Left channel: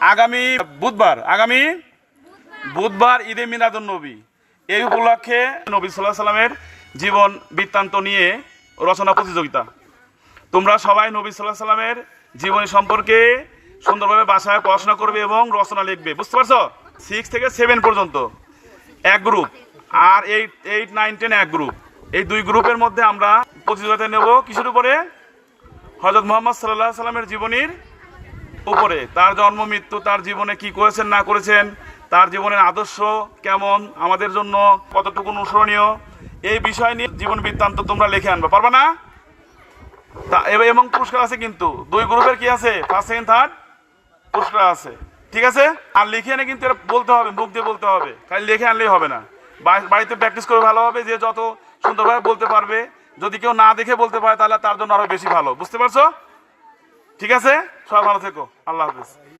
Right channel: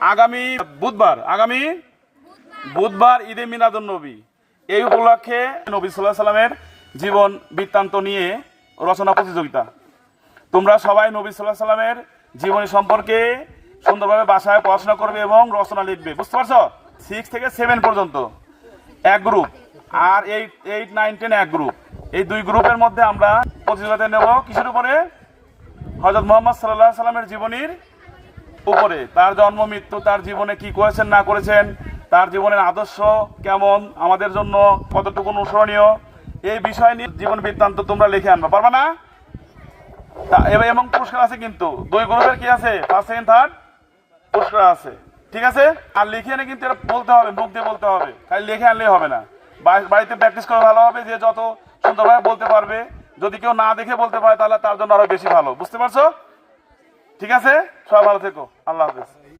আগামী বুধবার ঈদে মিলাদুন নবী। এই উপলক্ষে নবী সাল্লাল্লাহু আলাইহি সাল্লামের জীবন বৃত্তান্ত নিয়ে রচনা প্রতিযোগিতা। তোমরা সবাই নবী সাল্লাল্লাহু আলাইহি সাল্লামের জীবনী সম্পর্কে সুন্দরভাবে বাসায় পড়াশোনা করবে এবং রচনা লিখবে। বুঝতে পারছো? 6 থেকে 7 পর্যন্ত এক গ্রুপ, আর 8, 9, 10 এক গ্রুপ। এই দুই গ্রুপের মধ্যে আমরা প্রতিযোগিতা নেব কিসের উপরে? হযরত মুহাম্মদ সাল্লাল্লাহু আলাইহি সাল্লামের জীবনীর উপরে। তার জন্ম মৃত্যু, তার জীবনে কি করেছেন না করেছেন, তার জীবনের আদর্শ কেমন, আমাদের জন্য কতটুকু অনুসরণীয়, এই বিষয় নিয়ে জীবন বৃত্তান্ত তোমরা লিখে আনবা। পারবা না? এবং পুরস্কার আছে, কিন্তু দুই গ্রুপের কি আছে, ফার্স্ট সেকেন্ড থার্ড পুরস্কার আছে। ঠিক আছে? আর লিখে এনে কিন্তু এটা বলতে হবে, মুখ দিয়ে বলতে হবে, খালি লিখে আনলেই হবে না। বাড়িতে প্র্যাকটিস করে ভালো হবে, যে যত সুন্দরভাবে বলতে পারবে। যদি কেউ না দেখে বলতে পারে তাহলে তার জন্য আরো বেশি ভালো। বুঝতে পারছো? ঠিক আছে, সবাই ভালো থেকো। আল্লাহ হাফেজ।